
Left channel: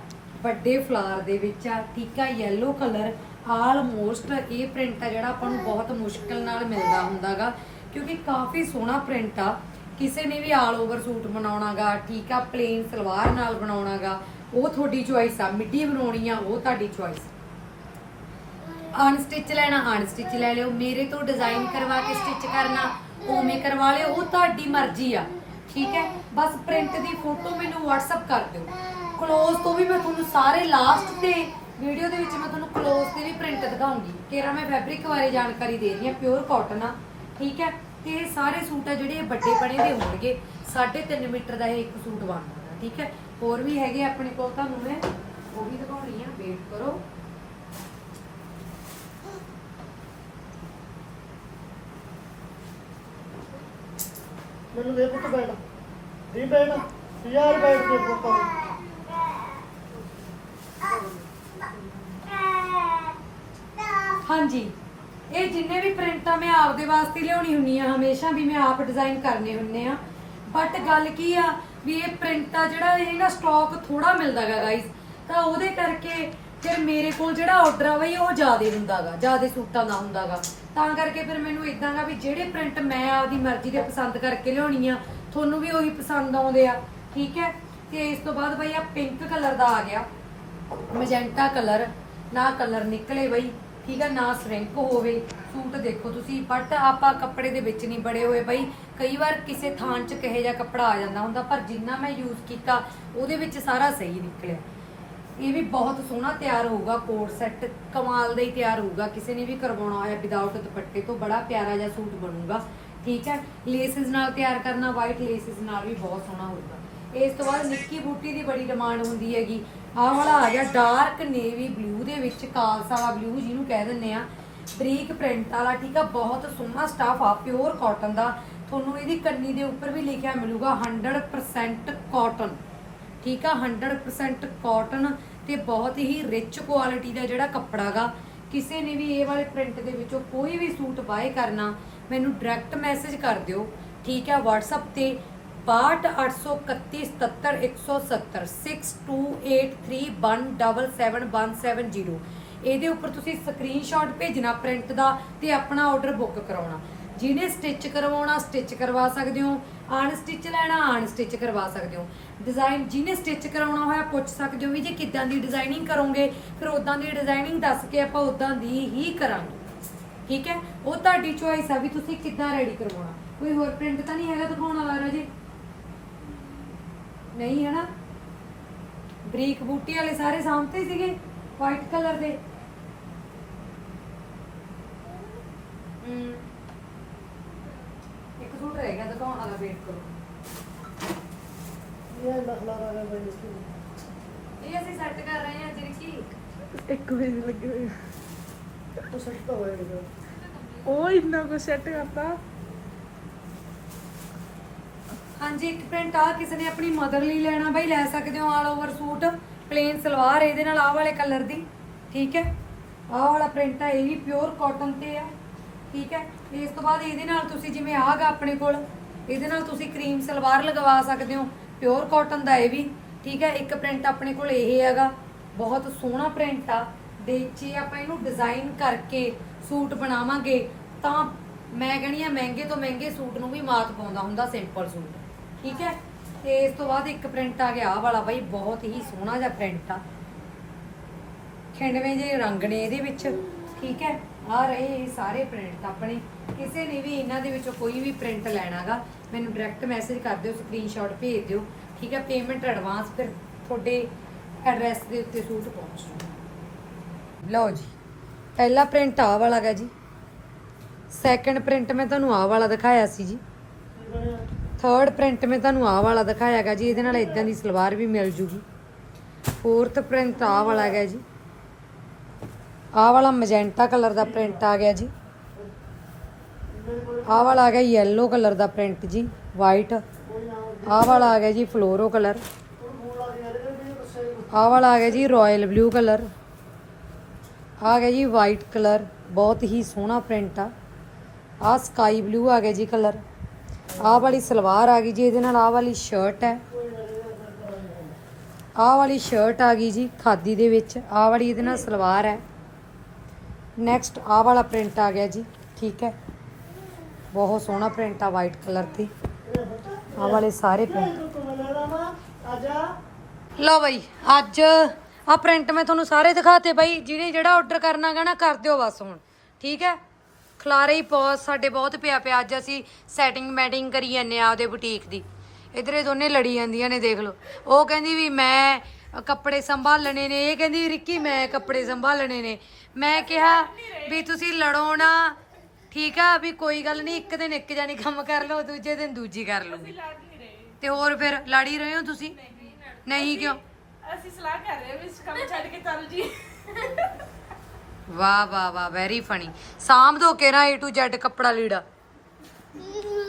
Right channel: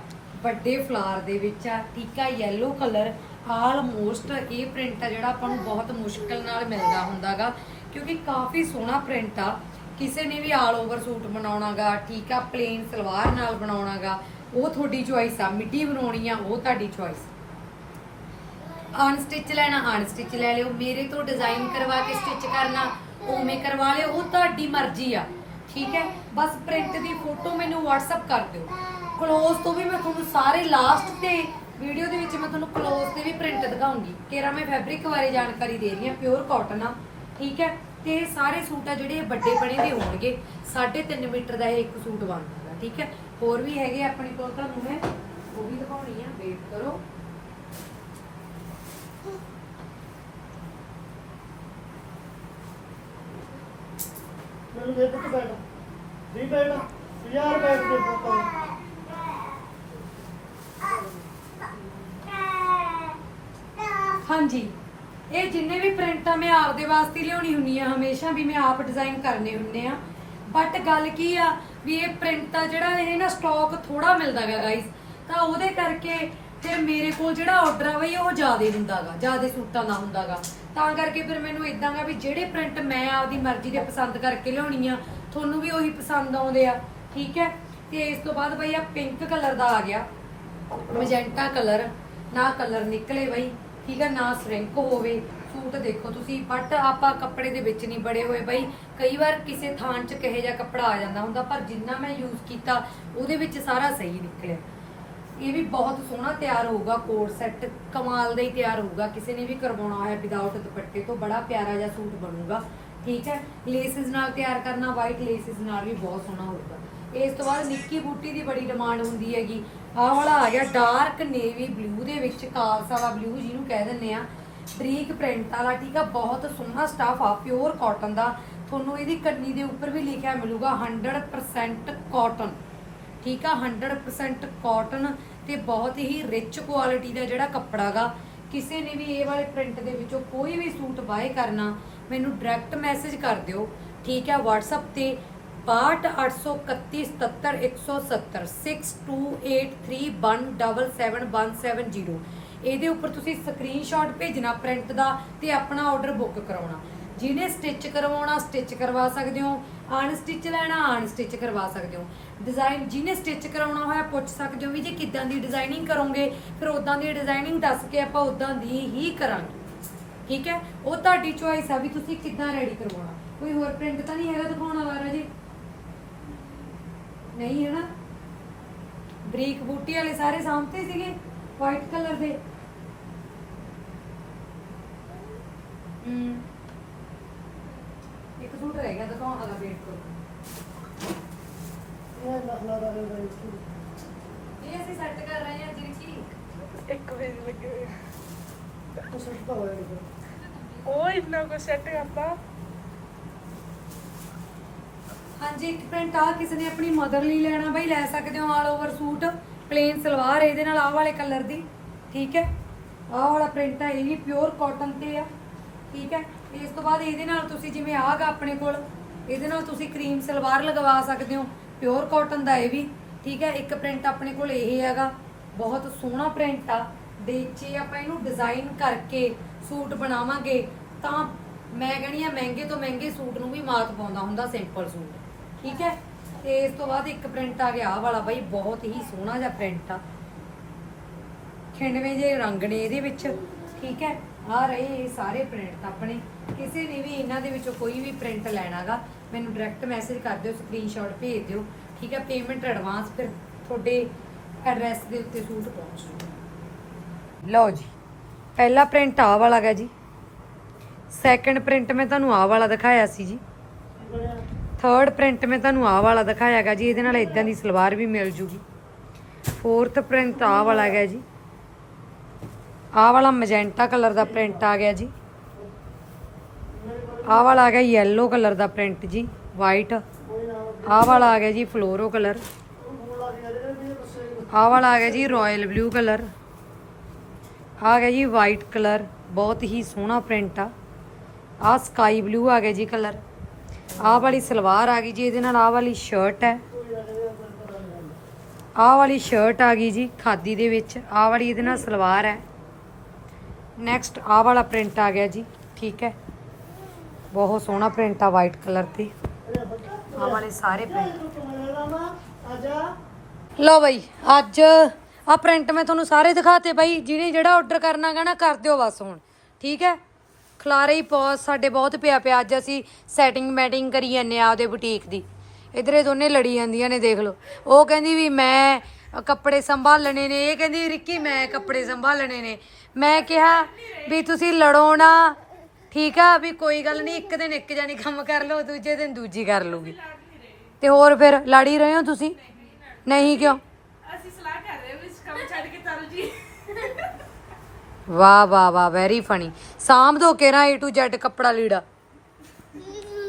Speaker 1: ਵੱਡੇ ਫਲਾਰ ਦੇ ਵਿੱਚ ਆ, ਠੀਕ ਆ? ਯੈਲੋ ਕਲਰ ਆਲਮੋਸਟ ਇਹ ਪ੍ਰਿੰਟ ਆ ਜਿਹੜਾ ਆਪਾਂ ਨੂੰ ਬਹੁਤ ਮੁਸ਼ਕਲ ਨਾਲ ਮਿਲਦਾ ਹੁੰਦਾਗਾ, ਕਿਉਂਕਿ ਕਾਫੀ ਸੋਹਣਾ ਪ੍ਰਿੰਟ ਆ। ਕਿਸੇ ਨੇ ਵੀ ਆਲ ਓਵਰ ਸੂਟ ਬਣਾਉਣਾਗਾ, ਠੀਕ ਆ? ਪਲੇਨ ਸਲਵਾਰ ਨਾਲ ਬਣਾਉਣਾਗਾ, ਉਹ ਤੁਹਾਡੀ ਚੁਆਇਸ ਆ। ਮਿੱਡੀ ਬਣਾਉਣੀ ਆ, ਉਹ ਤੁਹਾਡੀ ਚੁਆਇਸ ਅਨਸਟਿਚ ਲੈਣਾ ਅਨਸਟਿਚ ਲੈ ਲਿਓ। ਮੇਰੇ ਤੋਂ ਡਿਜ਼ਾਈਨ ਕਰਵਾ ਕੇ ਸਟਿਚ ਕਰਨਾ, ਉਵੇਂ ਕਰਵਾ ਲਿਓ। ਉਹ ਤੁਹਾਡੀ ਮਰਜ਼ੀ ਆ, ਠੀਕ ਹੈ? ਬਸ ਪ੍ਰਿੰਟ ਦੀ ਫੋਟੋ ਮੈਨੂੰ WhatsApp ਕਰ ਦਿਓ। ਕਲੋਜ਼ ਤੋਂ ਵੀ ਮੈਂ ਤੁਹਾਨੂੰ ਸਾਰੇ ਲਾਸਟ ਤੇ ਵੀਡੀਓ ਦੇ ਵਿੱਚ ਮੈਂ ਤੁਹਾਨੂੰ ਕਲੋਜ਼ ਤੇ ਵੀ ਪ੍ਰਿੰਟ ਦਿਖਾਉਂਗੀ। ਤੇਰਾ ਮੈਂ ਫੈਬਰਿਕ ਬਾਰੇ ਜਾਣਕਾਰੀ ਦੇ ਰਹੀ ਹਾਂ ਪਿਓਰ ਕਾਟਨ ਆ, ਠੀਕ ਹੈ? ਤੇ ਸਾਰੇ ਸੂਟ ਆ ਜਿਹੜੇ ਵੱਡੇ ਬਣੇ ਦੇ ਹੋਣਗੇ। 3.5 ਮੀਟਰ ਦਾ ਇਹ ਇੱਕ ਸੂਟ ਬਣਦਾ, ਠੀਕ ਹੈ? ਹੋਰ ਵੀ ਹੈਗੇ ਆਪਣੇ ਕੋਲ, ਤੁਹਾਨੂੰ ਮੈਂ ਉਹ ਵੀ ਦਿਖਾਉਣੀ ਆ ਵੇਟ ਕਰੋ।
Speaker 2: ਮੈਨੂੰ ਦੇ ਪੁੱਤ ਬੈਠ। ਨਹੀਂ ਬੈਠ ਯਾਰ ਬੈਠ ਕੇ ਪੁੱਤ
Speaker 1: ਹਾਂਜੀ। ਇਹ ਜਿੰਨੇ ਵੀ ਪ੍ਰਿੰਟਾਂ ਮੈਂ ਆਪਦੇ ਵਾਸਤੇ ਲਿਆਉਣੀ ਹੁੰਨੀ ਆ, ਹਮੇਸ਼ਾ ਵੀ ਮੈਂ ਆਪ ਡਿਜ਼ਾਈਨ ਕਰਨੇ ਹੁੰਨੇ ਆ। ਬਟ ਗੱਲ ਕੀ ਆ, ਵੀ ਇਹ ਪ੍ਰਿੰਟ ਆ ਜਿਹੜਾ ਇਹ ਨਾ ਸਟਾਕ ਥੋੜਾ ਮਿਲਦਾਗਾ ਗਾਇਸ ਤਾਂ ਉਹਦੇ ਕਰਕੇ ਫਿਰ ਮੇਰੇ ਕੋਲ ਜਿਹੜਾ ਆਰਡਰ ਆ ਬਈ, ਉਹ ਜ਼ਿਆਦੇ ਹੁੰਦਾਗਾ, ਜ਼ਿਆਦੇ ਸੂਟਾਂ ਦਾ ਹੁੰਦਾਗਾ। ਤਾਂ ਕਰਕੇ ਫਿਰ ਮੈਨੂੰ ਇਦਾਂਗਾ ਵੀ ਜਿਹੜੇ ਪ੍ਰਿੰਟ ਮੈਂ ਆਪਦੀ ਮਰਜ਼ੀ ਦੇ ਪਸੰਦ ਕਰਕੇ ਲਿਆਉਣੀ ਆ, ਤੁਹਾਨੂੰ ਵੀ ਉਹੀ ਪਸੰਦ ਆਉਂਦੇ ਆ, ਠੀਕ ਹੈ? ਤੇ ਇਸ ਤੋਂ ਬਾਅਦ ਬਈ ਆ ਪਿੰਕ ਕਲਰ ਦਾ ਆ ਗਿਆ। ਮੈਜੈਂਟਾ ਕਲਰ ਨਾ ਕਲਰ ਨਿਕਲੇ ਬਈ, ਠੀਕ ਆ ਨਾ ਸ਼ਰਿੰਕ ਹੋਵੇ। ਸੂਟ ਦੇਖੋ ਤੁਸੀਂ ਬਟ ਆਪਾਂ ਕੱਪੜੇ ਦੇ ਵਿੱਚ ਨਹੀਂ ਬੜੇ ਹੋਏ ਬਈ। ਕਈ ਵਾਰ ਕਿਸੇ ਥਾਂ 'ਚ ਕਹੇ ਜਾ ਕੱਪੜਾ ਆ ਜਾਂਦਾ ਹੁੰਦਾ, ਪਰ ਜਿੰਨਾ ਮੈਂ ਯੂਜ਼ ਕੀਤਾ, ਉਹਦੇ ਵਿੱਚ ਸਾਰਾ ਸਹੀ ਨਿਕਲਿਆ। ਇਹ ਵੀ ਬਹੁਤ ਸੋਹਣਾ ਤਿਆਰ ਹੋਊਗਾ, ਕੋਟ ਸੈੱਟ ਕਮਾਲ ਦਾ ਹੀ ਤਿਆਰ ਹੋਊਗਾ। ਕਿਸੇ ਨੇ ਵੀ ਕਰਵਾਉਣਾ ਹੋਇਆ ਵਿਦਆਊਟ ਦੁਪੱਟੇ ਤੋਂ ਬੜਾ ਪਿਆਰਾ ਜਿਹਾ ਸੂਟ ਬਣੂਗਾ। ਠੀਕ ਹੈ? ਲੇਸਿਸ ਨਾਲ ਤਿਆਰ ਕਰਨਾ ਵਾਈਟ ਲੇਸਿਸ ਨਾਲ ਵੀ ਬਹੁਤ ਸੋਹਣਾ ਹੋਊਗਾ। ਇਸ ਤੋਂ ਬਾਅਦ ਨਿੱਕੀ ਬੂਟੀ ਦੀ ਬੜੀ ਡਿਮਾਂਡ ਹੁੰਦੀ ਹੈਗੀ। ਆਹ ਵਾਲਾ ਆ ਗਿਆ ਡਾਰਕ ਨੇਵੀ ਬਲੂ ਦੇ ਵਿੱਚ ਕਾਲਸਾ ਵਾਲਾ ਬਲੂ ਜਿਹਨੂੰ ਕਹਿ ਦਿੰਦੇ ਆ ਬਰੀਕ ਪ੍ਰਿੰਟ ਵਾਲਾ, ਠੀਕ ਆ? ਬਹੁਤ ਸੋਹਣਾ ਸਟਾਫ ਆ ਪਿਓਰ ਕਾਟਨ ਦਾ। ਤੁਹਾਨੂੰ ਇਹਦੀ ਕੰਨੀ ਦੇ ਉੱਪਰ ਵੀ ਲਿਖਿਆ ਮਿਲੂਗਾ 100% ਕਾਟਨ ਠੀਕ ਆ 100% ਕਾਟਨ ਤੇ ਬਹੁਤ ਹੀ ਰਿਚ ਕੁਆਲਿਟੀ ਦਾ ਜਿਹੜਾ ਕੱਪੜਾ ਗਾ। ਕਿਸੇ ਨੇ ਵੀ ਇਹ ਵਾਲੇ ਪ੍ਰਿੰਟ ਦੇ ਵਿੱਚੋਂ ਕੋਈ ਵੀ ਸੂਟ ਬਾਏ ਕਰਨਾ, ਮੈਨੂੰ ਡਾਇਰੈਕਟ ਮੈਸੇਜ ਕਰ ਦਿਓ। ਠੀਕ ਆ, WhatsApp ਤੇ 6281771170 6283177770 ਇਹਦੇ ਉੱਪਰ ਤੁਸੀਂ ਸਕਰੀਨਸ਼ਾਟ ਭੇਜਣਾ ਪ੍ਰਿੰਟ ਦਾ ਤੇ ਆਪਣਾ ਆਰਡਰ ਬੁੱਕ ਕਰਾਉਣਾ। ਜਿਹਨੇ ਸਟਿਚ ਕਰਵਾਉਣਾ ਸਟਿਚ ਕਰਵਾ ਸਕਦੇ ਹੋ। ਆਨ ਸਟਿਚ ਲੈਣਾ ਆਨ ਸਟਿਚ ਕਰਵਾ ਸਕਦੇ ਹੋ। ਡਿਜ਼ਾਈਨ ਜਿਹਨੇ ਸਟਿਚ ਕਰਾਉਣਾ ਹੋਇਆ, ਪੁੱਛ ਸਕਦੇ ਹੋ ਵੀ ਜੇ ਕਿੱਦਾਂ ਦੀ ਡਿਜ਼ਾਈਨਿੰਗ ਕਰੋਗੇ, ਫਿਰ ਉਦਾਂ ਦੀ ਡਿਜ਼ਾਈਨਿੰਗ ਦੱਸ ਕੇ ਆਪਾਂ ਉਦਾਂ ਦੀ ਹੀ ਕਰਾਂਗੇ। ਠੀਕ ਹੈ? ਉਹ ਤੁਹਾਡੀ ਚੋਇਸ ਆ ਵੀ ਤੁਸੀਂ ਕਿੱਦਾਂ ਰੈਡੀ ਕਰਵਾਉਣਾ। ਕੋਈ ਹੋਰ ਪ੍ਰਿੰਟ ਤਾਂ ਨਹੀਂ ਹੈਗਾ ਦਿਖਾਉਣ ਵਾਲਾ ਰਾਜੇ? ਨਹੀਂ ਹੈ ਨਾ? ਬਰੀਕ ਬੂਟੀ ਵਾਲੇ ਸਾਰੇ ਸਾਹਮਣੇ ਸੀਗੇ ਵਾਈਟ ਕਲਰ ਦੇ। ਹਮ ਸੂਟ ਗਿਆ ਦਿਖਾਉਣ ਵਾਲਾ ਵੇਟ ਕਰੋ।
Speaker 2: ਇਹ ਲਾ ਲਾ ਲਾ ਲਾ
Speaker 1: ਇਹ ਅਸੀਂ ਸੈੱਟ ਕਰ ਰਹੇ ਹਾਂ ਜਿਰਕੀ
Speaker 3: ਇੱਕ ਵੀ ਨੀ ਲੱਗੀ ਹੋਈ
Speaker 2: ਉਹ ਸਸਤਾ ਹੋਏਗਾ
Speaker 3: ਉਹ ਇੰਨਾ ਕੁ ਸੈੱਟ ਕਰਤਾ।
Speaker 1: ਹਾਂਜੀ ਇੱਕ ਪ੍ਰਿੰਟ ਆ ਕਿਸੇ ਨੇ ਆਪਣੀ ਮਦਰ ਲਈ ਲੈਣਾ ਬਈ ਲੈ ਸਕਦੇ ਹੋ all over suit plain salwar ਇਹਦੇ ਨਾਲ ਆਹ ਵਾਲੇ ਕਲਰ ਦੀ ਠੀਕ ਹੈ? ਆਹ ਵਾਲਾ ਪ੍ਰਿੰਟ ਆ ਇਹ ਵੀ ਪਿਓਰ ਕਾਟਨ ਤੇ ਆ ਠੀਕ ਹੈ? ਇਸ ਤੋਂ ਬਾਅਦ ਇਹਦੇ ਨਾਲ ਤੁਸੀਂ ਜਿਵੇਂ ਆਗਾ ਆਪਣੇ ਕੋਲ, ਇਹਦੇ ਨਾਲ ਤੁਸੀਂ ਕਰੀਮ ਸਲਵਾਰ ਲਗਵਾ ਸਕਦੇ ਹੋ ਪਿਓਰ ਕਾਟਨ ਦਾ ਇਹ ਵੀ, ਠੀਕ ਹੈ, ਇੱਕ ਪ੍ਰਿੰਟ ਆਪਣੇ ਕੋਲ ਇਹ ਹੈਗਾ, ਬਹੁਤ ਸੋਹਣਾ ਪ੍ਰਿੰਟ ਆ ਦੇ ਜੇ ਆਪਾਂ ਇਹਨੂੰ ਡਿਜ਼ਾਈਨ ਕਰਕੇ ਸੂਟ ਬਣਾਵਾਂਗੇ, ਤਾਂ ਮੈਂ ਕਹਣੀ ਆ ਮਹਿੰਗੇ ਤੋਂ ਮਹਿੰਗੇ ਸੂਟ ਨੂੰ ਵੀ ਮਾਤ ਪਾਉਂਦਾ ਹੁੰਦਾ ਸਿੰਪਲ ਸੂਟ, ਠੀਕ ਹੈ, ਤੇ ਇਸ ਤੋਂ ਬਾਅਦ ਇੱਕ ਪ੍ਰਿੰਟ ਆ ਗਿਆ ਆਹ ਵਾਲਾ ਬਾਈ, ਬਹੁਤ ਹੀ ਸੋਹਣਾ ਜਿਹਾ ਪ੍ਰਿੰਟ ਆ। ਖਿੰਡਵੇਂ ਜੇ ਰੰਗ ਨੇ ਇਹਦੇ ਵਿੱਚ, ਠੀਕ ਹੈ, ਆ ਰਹੇ ਇਹ ਸਾਰੇ ਪ੍ਰਿੰਟ ਆਪਣੇ। ਕਿਸੇ ਨੇ ਵੀ ਇਹਨਾਂ ਦੇ ਵਿੱਚੋਂ ਕੋਈ ਵੀ ਪ੍ਰਿੰਟ ਲੈਣਾਗਾ, ਮੈਨੂੰ ਡਾਇਰੈਕਟ ਮੈਸੇਜ ਕਰ ਦਿਓ ਸਕਰੀਨਸ਼ਾਟ ਭੇਜ ਦਿਓ, ਠੀਕ ਹੈ? ਪੇਮੈਂਟ ਐਡਵਾਂਸ ਫਿਰ ਤੁਹਾਡੇ ਐਡਰੈਸ ਦੇ ਉੱਤੇ ਸੂਟ ਪਹੁੰਚ ਜੂਗਾ ਲਓ ਜੀ, ਪਹਿਲਾ ਪ੍ਰਿੰਟ ਆਹ ਵਾਲਾ ਗਾ ਜੀ। ਸੈਕੰਡ ਪ੍ਰਿੰਟ ਮੈਂ ਤੁਹਾਨੂੰ ਆਹ ਵਾਲਾ ਦਿਖਾਇਆ ਸੀ ਜੀ। ਥਰਡ ਪ੍ਰਿੰਟ ਮੈਂ ਤੁਹਾਨੂੰ ਆਹ ਵਾਲਾ ਦਿਖਾਇਆ ਦਿਖਾਇਆਗਾ ਜੀ, ਇਹਦੇ ਨਾਲ ਇਦਾਂ ਦੀ ਸਲਵਾਰ ਵੀ ਮਿਲ ਜੂਗੀ। ਫੋਰਥ ਪ੍ਰਿੰਟ ਆਹ ਵਾਲਾ ਹੈਗਾ ਜੀ। ਆ ਵਾਲਾ ਮੈਜੈਂਟਾ ਕਲਰ ਦਾ ਪ੍ਰਿੰਟ ਆ ਗਿਆ ਜੀ। ਆਹ ਵਾਲਾ ਆ ਗਿਆ ਯੈਲੋ ਕਲਰ ਦਾ ਪ੍ਰਿੰਟ ਜੀ ਵਾਈਟ ਆਹ ਵਾਲਾ ਆ ਗਿਆ ਜੀ ਫਲੋਰੋ ਕਲਰ ਆਹ ਵਾਲਾ ਆ ਗਿਆ ਜੀ ਰਾਇਲ ਬਲੂ ਕਲਰ ਆ ਗਿਆ ਜੀ ਵਾਈਟ ਕਲਰ ਬਹੁਤ ਹੀ ਸੋਹਣਾ ਪ੍ਰਿੰਟ ਆ। ਆ ਸਕਾਈ ਬਲੂ ਆ ਗਿਆ ਜੀ ਕਲਰ ਆਹ ਵਾਲੀ ਸਲਵਾਰ ਆ ਗਈ ਜੀ, ਇਹਦੇ ਨਾਲ ਆਹ ਵਾਲੀ ਸ਼ਰਟ ਹੈ। ਆਹ ਵਾਲੀ ਸ਼ਰਟ ਆ ਗਈ ਜੀ ਖਾਦੀ ਦੇ ਵਿੱਚ, ਆਹ ਵਾਲੀ ਇਹਦੇ ਨਾਲ ਸਲਵਾਰ ਹੈ। ਨੈਕਸਟ ਆਹ ਵਾਲਾ ਪ੍ਰਿੰਟ ਆ ਗਿਆ ਜੀ, ਠੀਕ ਹੈ। ਬਹੁਤ ਸੋਹਣਾ ਪ੍ਰਿੰਟ ਆ ਵਾਈਟ ਕਲਰ ਤੇ ਆਹ ਵਾਲੇ ਸਾਰੇ ਪ੍ਰਿੰਟ ਲਓ ਬਈ, ਅੱਜ ਆ ਪ੍ਰਿੰਟ ਮੈਂ ਤੁਹਾਨੂੰ ਸਾਰੇ ਦਿਖਾਤੇ ਬਾਈ, ਜਿਹਨੇ ਜਿਹੜਾ ਆਰਡਰ ਕਰਨਾ ਗਾ ਨਾ, ਕਰ ਦਿਓ ਬਸ ਹੁਣ। ਠੀਕ ਹੈ? ਖਲਾਰੇ ਹੀ ਪੌਸ ਸਾਡੇ ਬਹੁਤ ਪਿਆ ਪਿਆ। ਅੱਜ ਅਸੀਂ ਸੈਟਿੰਗ ਮੈਟਿੰਗ ਕਰੀ ਜਾਂਦੇ ਆ ਉਹਦੇ ਬੁਟੀਕ ਦੀ। ਇਧਰ ਦੋਨੇ ਲੜੀ ਜਾਂਦੀਆਂ ਨੇ, ਦੇਖ ਲਓ। ਉਹ ਕਹਿੰਦੀ ਵੀ ਮੈਂ ਕੱਪੜੇ ਸੰਭਾਲਣੇ ਨੇ। ਇਹ ਕਹਿੰਦੀ, ਰਿੱਕੀ, ਮੈਂ ਕੱਪੜੇ ਸੰਭਾਲਣੇ ਨੇ। ਮੈਂ ਕਿਹਾ ਵੀ ਤੁਸੀਂ ਲੜੋ ਨਾ। ਠੀਕ ਆ ਵੀ ਕੋਈ ਗੱਲ ਨਹੀਂ ਇੱਕ ਦਿਨ ਇੱਕ ਜਾਨੀ ਕੰਮ ਕਰ ਲਓ ਦੂਜੇ ਦਿਨ ਦੂਜੀ ਕਰ ਲੂਗੀ ਤੇ ਹੋਰ ਫਿਰ ਲੜ ਹੀ ਰਹੇ ਹੋ ਤੁਸੀਂ? ਨਹੀਂ ਕਿਉਂ?
Speaker 3: ਅਸੀਂ ਸਲਾਹ ਕਰ ਰਹੇ ਹਾਂ ਵੀ ਇਸ ਕੰਮ ਛੱਡ ਕੇ ਚੱਲ ਜੀ।
Speaker 1: ਵਾਹ ਵਾਹ ਵਾਹ ਵੈਰੀ ਫਨੀ ਸਾਂਭ ਦੋ ਕੇਰਾ A to Z ਕੱਪੜਾ ਲੀੜਾ।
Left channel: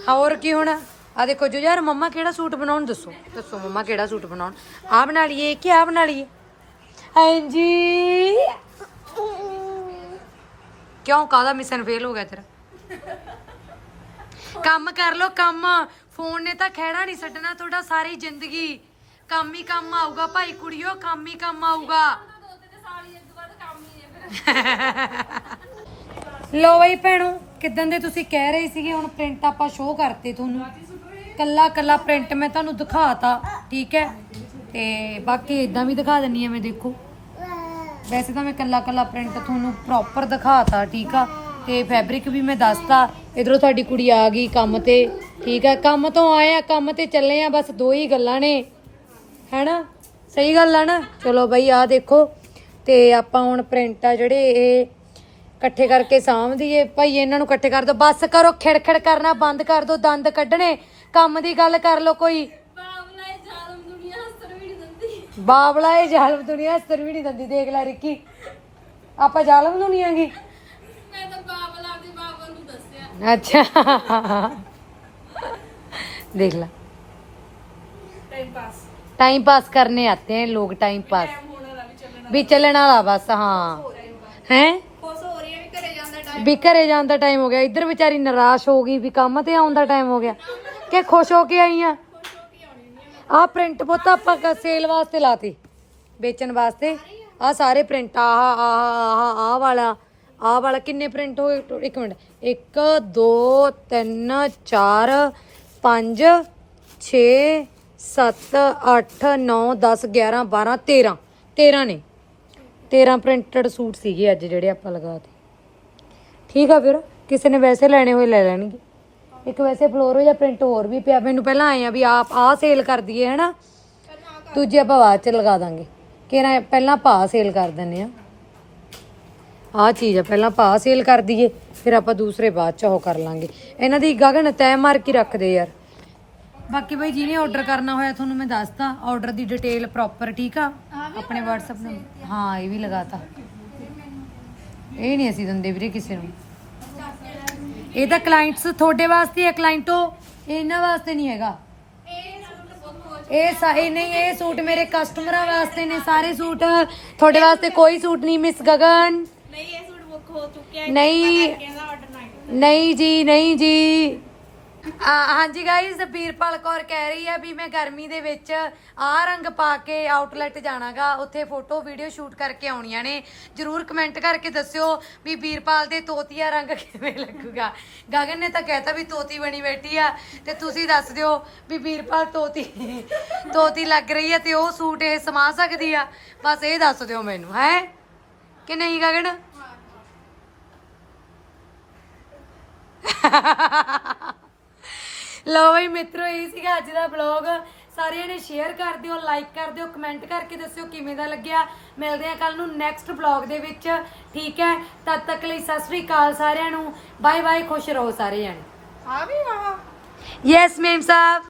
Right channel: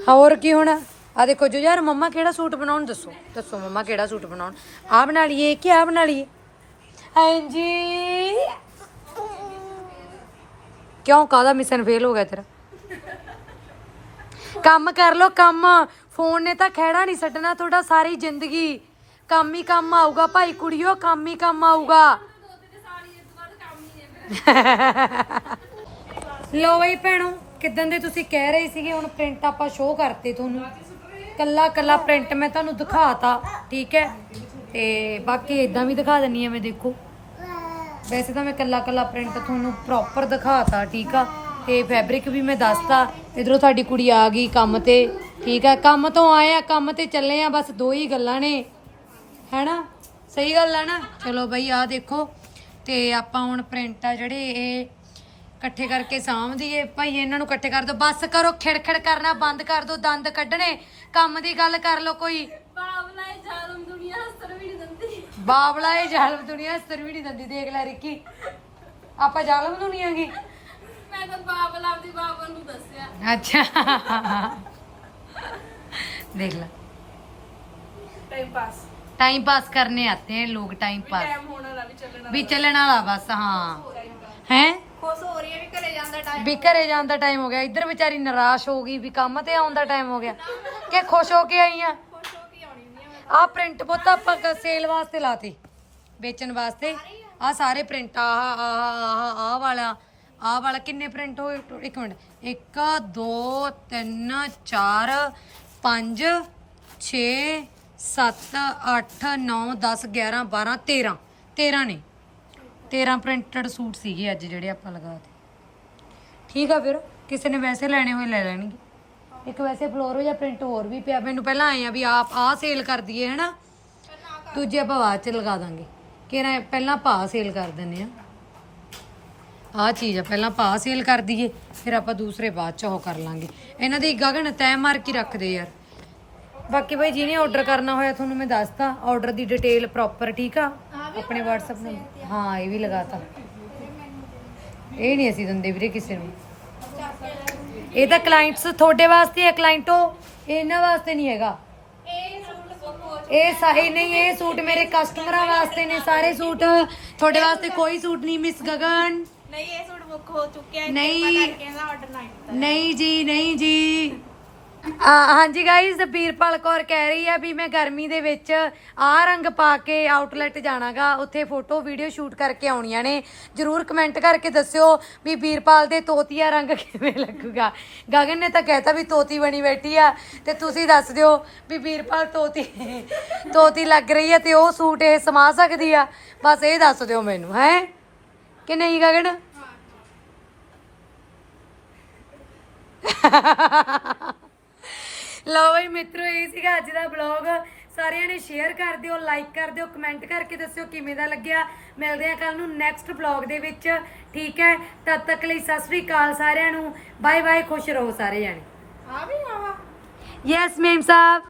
Speaker 1: ਹੋਰ ਕੀ ਹੁਣ? ਆ ਦੇਖੋ ਜੋ ਯਾਰ ਮੰਮਾ ਕਿਹੜਾ ਸੂਟ ਬਣਾਉਣ ਦੱਸੋ? ਦੱਸੋ ਮੰਮਾ ਕਿਹੜਾ ਸੂਟ ਬਣਾਉਣ? ਆ ਬਣਾ ਲਈਏ ਕਿ ਆ ਬਣਾ ਲਈਏ? ਹਾਂਜੀ। ਕਿਉਂ ਕਾਦਾ ਮਿਸ਼ਨ ਫੇਲ ਹੋ ਗਿਆ ਤੇਰਾ? ਕੰਮ ਕਰ ਲੋ ਕੰਮ। ਫੋਨ ਨੇ ਤਾਂ ਖਹਿੜਾ ਨਹੀਂ ਛੱਡਣਾ ਤੁਹਾਡਾ, ਸਾਰੀ ਜ਼ਿੰਦਗੀ। ਕੰਮ ਹੀ ਕੰਮ ਆਊਗਾ ਭਾਈ ਕੁੜੀਓ ਕੰਮ ਹੀ ਕੰਮ ਆਊਗਾ। ਲੋ ਬਈ ਭੈਣੋ ਕਿਦਾਂ ਦੇ ਤੁਸੀਂ ਕਹਿ ਰਹੇ ਸੀਗੇ, ਹੁਣ ਪ੍ਰਿੰਟ ਆਪਾਂ ਸ਼ੋਅ ਕਰਤੇ ਤੁਹਾਨੂੰ। ਕੱਲਾ ਕੱਲਾ ਪ੍ਰਿੰਟ ਮੈਂ ਤੁਹਾਨੂੰ ਦਿਖਾਤਾ, ਠੀਕ ਹੈ? ਤੇ ਬਾਕੀ ਇਦਾਂ ਵੀ ਦਿਖਾ ਦਿੰਨੀ ਆ ਮੈਂ, ਦੇਖੋ। ਵੈਸੇ ਤਾਂ ਮੈਂ ਕੱਲਾ ਕੱਲਾ ਪ੍ਰਿੰਟ ਤੁਹਾਨੂੰ ਪ੍ਰੋਪਰ ਦਿਖਾਤਾ, ਠੀਕ ਆ? ਤੇ ਫੈਬਰਿਕ ਵੀ ਮੈਂ ਦੱਸਤਾ। ਇਧਰੋਂ ਤੁਹਾਡੀ ਕੁੜੀ ਆ ਗਈ ਕੰਮ ਤੇ। ਠੀਕ ਆ ਕੰਮ ਤੋਂ ਆਏ ਆ ਕੰਮ ਤੇ ਚੱਲੇ ਆ ਬਸ ਦੋ ਹੀ ਗੱਲਾਂ ਨੇ। ਹੈਨਾ? ਸਹੀ ਗੱਲ ਆ ਨਾ? ਚਲੋ ਬਈ ਆ ਦੇਖੋ। ਤੇ ਆਪਾਂ ਹੁਣ ਪ੍ਰਿੰਟ ਆ ਜਿਹੜੇ ਇਹ ਇਕੱਠੇ ਕਰਕੇ ਸਾਂਭਦੀਏ ਭਾਈ ਇਹਨਾਂ ਨੂੰ ਇਕੱਠੇ ਕਰ ਦੋ। ਬਸ ਕਰੋ ਖਿੜਖਿੜ ਕਰਨਾ ਬੰਦ ਕਰ ਦੋ ਦੰਦ ਕੱਢਣੇ। ਕੰਮ ਦੀ ਗੱਲ ਕਰ ਲੋ ਕੋਈ।
Speaker 3: ਬਾਬਲਾ ਇਹ ਜ਼ਾਲਮ ਦੁਨੀਆ ਹੱਸਰ ਵੀ ਨਹੀਂ ਦਿੰਦੀ।
Speaker 1: ਬਾਬਲਾ ਇਹ ਜ਼ਾਲਮ ਦੁਨੀਆ ਸਰ ਵੀ ਨਹੀਂ ਦਿੰਦੀ। ਦੇਖ ਲੈ ਰਿੱਕੀ। ਆਪਾਂ ਜ਼ਾਲਮ ਦੁਨੀਆ ਗੀ
Speaker 3: ਮੈਂ ਤਾਂ ਬਾਬਲਾ ਆਪਦੀ ਬਾਬਾ ਨੂੰ ਦੱਸਿਆ
Speaker 1: अच्छा देख ला
Speaker 3: ਟਾਈਮ ਪਾਸ
Speaker 1: टाइम पास करने आते हैं लोग टाइम पास
Speaker 3: ਟਾਈਮ ਹੋਣਾ ਦਾ ਵੀ ਚੱਲਣਾ
Speaker 1: भी चलने वाला बस हाँ हैं
Speaker 3: ਖੁਸ਼ ਹੋ ਰਹੀ ਹੈ ਵੀ ਘਰੇ ਜਾਂਦਾ ਟਾਈਮ
Speaker 1: ਵੀ ਘਰੇ ਜਾਣ ਦਾ ਟਾਈਮ ਹੋ ਗਿਆ ਇੱਧਰ ਵਿਚਾਰੀ ਨਿਰਾਸ਼ ਹੋ ਗਈ ਵੀ ਕੰਮ ਤੇ ਆਉਣ ਦਾ ਟਾਈਮ ਹੋ ਗਿਆ ਕਿ ਖੁਸ਼ ਹੋ ਕੇ ਆਈ ਆ
Speaker 3: ਖੁਸ਼ ਹੋ ਕੇ ਆਉਣੀ ਨਹੀਂ ਆ
Speaker 1: ਆਹ ਪ੍ਰਿੰਟ ਪੁੱਤ ਆਪਾਂ ਕਾ ਸੇਲ ਵਾਸਤੇ ਲਾਤੀ ਵੇਚਣ ਵਾਸਤੇ ਆਹ ਸਾਰੇ ਪ੍ਰਿੰਟ ਆਹ ਆਹ ਆਹ ਆਹ ਵਾਲਾ ਆਹ ਵਾਲਾ ਕਿੰਨੇ ਪ੍ਰਿੰਟ ਹੋਏ ਇੱਕ ਮਿੰਟ। 1 2 3 4 5 6 7 8 9 10 11 12 13 13 ਨੇ। 13 ਪ੍ਰਿੰਟਡ ਸੂਟ ਸੀਗੇ ਅੱਜ ਜਿਹੜੇ ਆਪਾਂ ਲਗਾਤੇ ਠੀਕ ਆ ਫਿਰ? ਕਿਸੇ ਨੇ ਵੈਸੇ ਲੈਣੇ ਹੋਏ ਲੈ ਲੈਣਗੇ। ਇੱਕ ਵੈਸੇ ਫਲੋਰੋ ਜਾਂ ਪ੍ਰਿੰਟ ਹੋਰ ਵੀ ਪਿਆ। ਮੈਨੂੰ ਪਹਿਲਾਂ ਆਏ ਆ ਵੀ ਆਪ ਆਹ ਸੇਲ ਕਰ ਦਈਏ ਹਨਾ? ਦੂਜੇ ਆਪਾਂ ਬਾਅਦ ਚ ਲਗਾ ਦਾਂਗੇ। ਕਿਹੜਾ ਪਹਿਲਾਂ ਪਾ ਸੇਲ ਕਰ ਦਿੰਨੇ ਆ। ਆਹ ਚੀਜ਼ ਆ ਪਹਿਲਾਂ ਪਾ ਸੇਲ ਕਰ ਦਈਏ ਫਿਰ ਆਪਾਂ ਦੂਸਰੇ ਬਾਅਦ ਚ ਉਹ ਕਰ ਲਾਂਗੇ। ਇਹਨਾਂ ਦੀ ਗਗਨ ਤੈ ਮਾਰ ਕੇ ਰੱਖਦੇ ਯਾਰ। ਬਾਕੀ ਬਈ ਜਿਹਨੇ ਆਰਡਰ ਕਰਨਾ ਹੋਇਆ ਤੁਹਾਨੂੰ ਮੈਂ ਦੱਸਤਾ ਆਰਡਰ ਦੀ ਡਿਟੇਲ ਪ੍ਰੋਪਰ ਠੀਕ ਆ? ਆਪਣੇ WhatsApp ਨੰਬਰ ਹਾਂ ਇਹ ਵੀ ਲਗਾਤਾ ਇਹ ਨਹੀਂ ਅਸੀਂ ਦਿੰਦੇ ਵੀਰੇ ਕਿਸੇ ਨੂੰ। ਇਹ ਤਾਂ ਕਲਾਇੰਟਸ ਤੁਹਾਡੇ ਵਾਸਤੇ ਹੈ ਕਲਾਇੰਟੋ ਇਹਨਾਂ ਵਾਸਤੇ ਨਹੀਂ ਹੈਗਾ। ਇਹ ਸਾਰੇ ਨਹੀਂ ਇਹ ਸੂਟ ਮੇਰੇ ਕਸਟਮਰਾਂ ਵਾਸਤੇ ਨੇ ਸਾਰੇ ਸੂਟ। ਤੁਹਾਡੇ ਵਾਸਤੇ ਕੋਈ ਸੂਟ ਨਹੀਂ ਮਿਸ ਗਗਨ।
Speaker 3: ਨਹੀਂ ਇਹ ਸੂਟ ਬੁੱਕ ਹੋ ਚੁੱਕਿਆ
Speaker 1: ਨਹੀਂ।
Speaker 3: ਕਹਿੰਦਾ ਆਰਡਰ ਨਾ
Speaker 1: ਨਹੀਂ ਜੀ ਨਹੀਂ ਜੀ। ਆ ਹਾਂਜੀ ਗਾਇਸ ਵੀਰਪਾਲ ਕੌਰ ਕਹਿ ਰਹੀ ਹੈ ਵੀ ਮੈਂ ਗਰਮੀ ਦੇ ਵਿੱਚ ਆਹ ਰੰਗ ਪਾ ਕੇ ਆਊਟਲੈਟ ਜਾਣਾਗਾ ਉੱਥੇ ਫੋਟੋ ਵੀਡੀਓ ਸ਼ੂਟ ਕਰਕੇ ਆਉਣੀਆਂ ਨੇ। ਜਰੂਰ ਕਮੈਂਟ ਕਰਕੇ ਦੱਸਿਓ ਵੀ ਵੀਰਪਾਲ ਦੇ ਤੋਤੀਆ ਰੰਗ ਕਿਵੇਂ ਲੱਗੂਗਾ। ਗਗਨ ਨੇ ਤਾਂ ਕਹਿਤਾ ਵੀ ਤੋਤੀ ਬਣੀ ਬੈਠੀ ਆ ਤੇ ਤੁਸੀਂ ਦੱਸ ਦਿਓ ਵੀ ਵੀਰਪਾਲ ਤੋਤੀ ਤੋਤੀ ਲੱਗ ਰਹੀ ਹੈ ਤੇ ਉਹ ਸੂਟ ਇਹ ਸਮਾ ਸਕਦੀ ਆ। ਬਸ ਇਹ ਦੱਸ ਦਿਓ ਮੈਨੂੰ ਹੈ? ਕਿ ਨਹੀਂ ਗਗਨ? ਲਓ ਬਈ ਮਿੱਤਰੋ ਇਹ ਸੀਗਾ ਅੱਜ ਦਾ ਵਲੌਗ ਸਾਰਿਆਂ ਨੇ ਸ਼ੇਅਰ ਕਰ ਦਿਓ ਲਾਈਕ ਕਰ ਦਿਓ ਕਮੈਂਟ ਕਰਕੇ ਦੱਸਿਓ ਕਿਵੇਂ ਦਾ ਲੱਗਿਆ। ਮਿਲਦੇ ਆ ਕੱਲ ਨੂੰ ਨੈਕਸਟ ਵਲੌਗ ਦੇ ਵਿੱਚ। ਠੀਕ ਹੈ? ਤਦ ਤੱਕ ਲਈ ਸਤਿ ਸ੍ਰੀ ਅਕਾਲ ਸਾਰਿਆਂ ਨੂੰ। ਬਾਏ ਬਾਏ ਖੁਸ਼ ਰਹੋ ਸਾਰੇ ਜਾਣੇ।
Speaker 3: ਆ ਵੀ ਆਹ
Speaker 1: ਯੈਸ ਮੈਮ ਸਾਹਿਬ।